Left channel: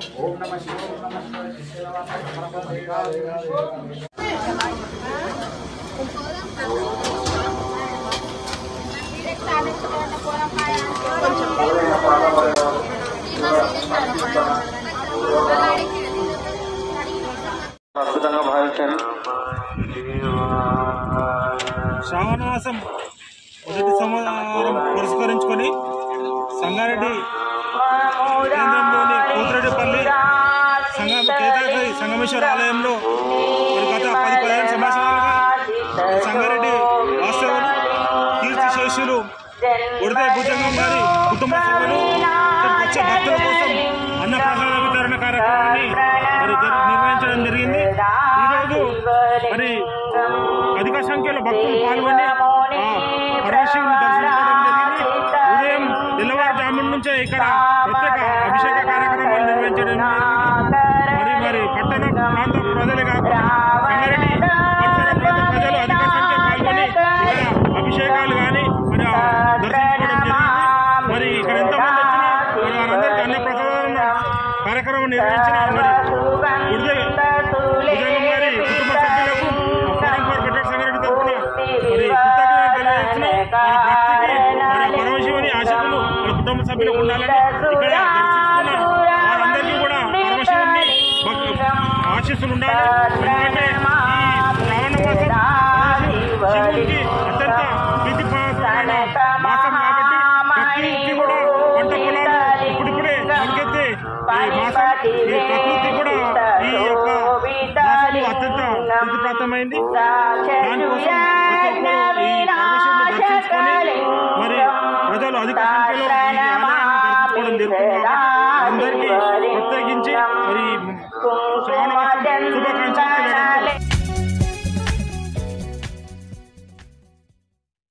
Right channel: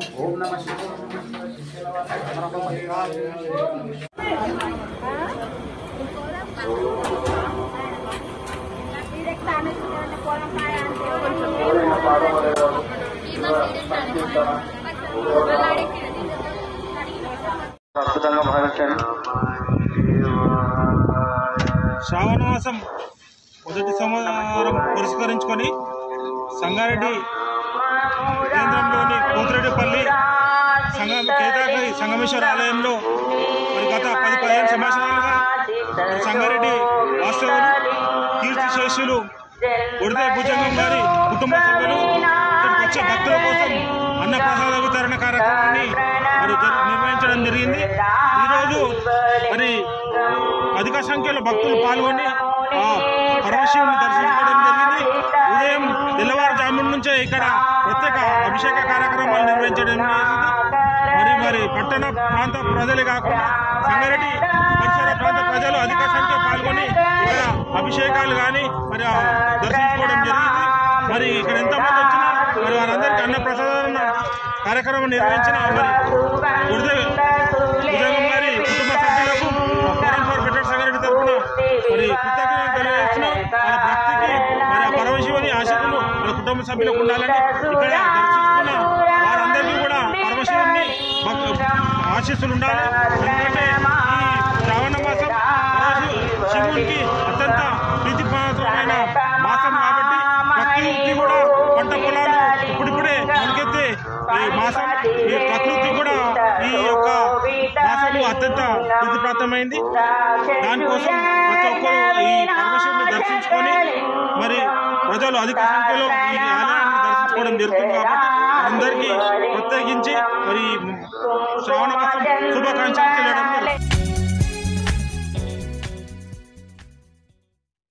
ఓం నమః శివాయ ఓం నమః శివాయ శిశులవాస శ్రావణమాసం మొదటి సోమవారం పురస్కరించుకొని సంగారెడ్డి కేంద్రంలోని కూతురెడ్డిపల్లి కేతాకరి సంగమేశ్వర ఆలయంలో మరి గత 10-15 సంవత్సరాలుగా మరి సంగారెడ్డి వాస్తవులు కీర్తిశేషులు ఉడితే భుజంగం గారి కుటుంబ సభ్యులు ఇక్కడికి వచ్చే భక్తుల కోసం అన్నప్రసాద వితరణ కార్యక్రమాన్ని మరి నిర్వహించడం జరిగింది. ఈరోజు మరి అధిక సంఖ్యలో భక్తులు పాల్గొని ఆ పరమశివుని దర్శించుకోవడం జరిగింది. ఉదయం తెల్లవారుజామున నుంచే ఇక్కడ ప్రత్యేక అభిషేక కార్యక్రమాలు నిర్వహించడం జరిగింది. మరి పట్టణ ప్రాంత ప్రజలే కాకుండా సంగారెడ్డి పరిసర ప్రాంత ప్రజలు అధిక సంఖ్య పాల్గొని ఇక్కడ అభిషేకాలు కానీ మరి దర్శించుకోవడం జరిగింది. మరి ఇక్కడ ఎంతమంది వచ్చినా మరి వారందరికీ అన్నప్రసాదన కార్యక్రమం నిర్వహించిన మరి ఉడితే భుజంగం గారి కుటుంబ సభ్యులకు ఫోరం ఫర్ బెటర్ సంగారెడ్డి తరఫున మరి కృతజ్ఞతలు తెలియజేస్తున్నాం. వాళ్ళ భక్తికి మరి ఆ పరమశివుని ఆశీస్సులు వాళ్ళ కుటుంబ సభ్యులకు ఉండాలని ఇక్కడ దర్శించుకున్న వారందరికీ కూడా పరమశివుని ఆశీస్సులు ఉండాలి. ఎందుకంటే ఈ శ్రావణ మాసం శివునికి అత్యంత ప్రీతిపాత్రమైన మాసం కాబట్టి ప్రకృతి కూడా పంట పొలాలు ఇప్పుడిప్పుడే మొలకెత్తే ఈ మాసం, ఈ ప్రకృతి కూడా ఈ యొక్క మాసము అత్యంత ప్రీతిప్రాప్తమైంది. దానికోసం ప్రతి ఒక్కరూ ఈ పరమశివుని దర్శించుకొని మరి ప్రజలు అధిక సంఖ్యలో ఈ ఆలయాన్ని దర్శించుకోవడం జరుగుతుంది. కాబట్టి అందరికీ ప్రత్యేకించి మరి శ్రావణ మాసం శుభాకాంక్షలు తెలియడం జరుగుతుంది.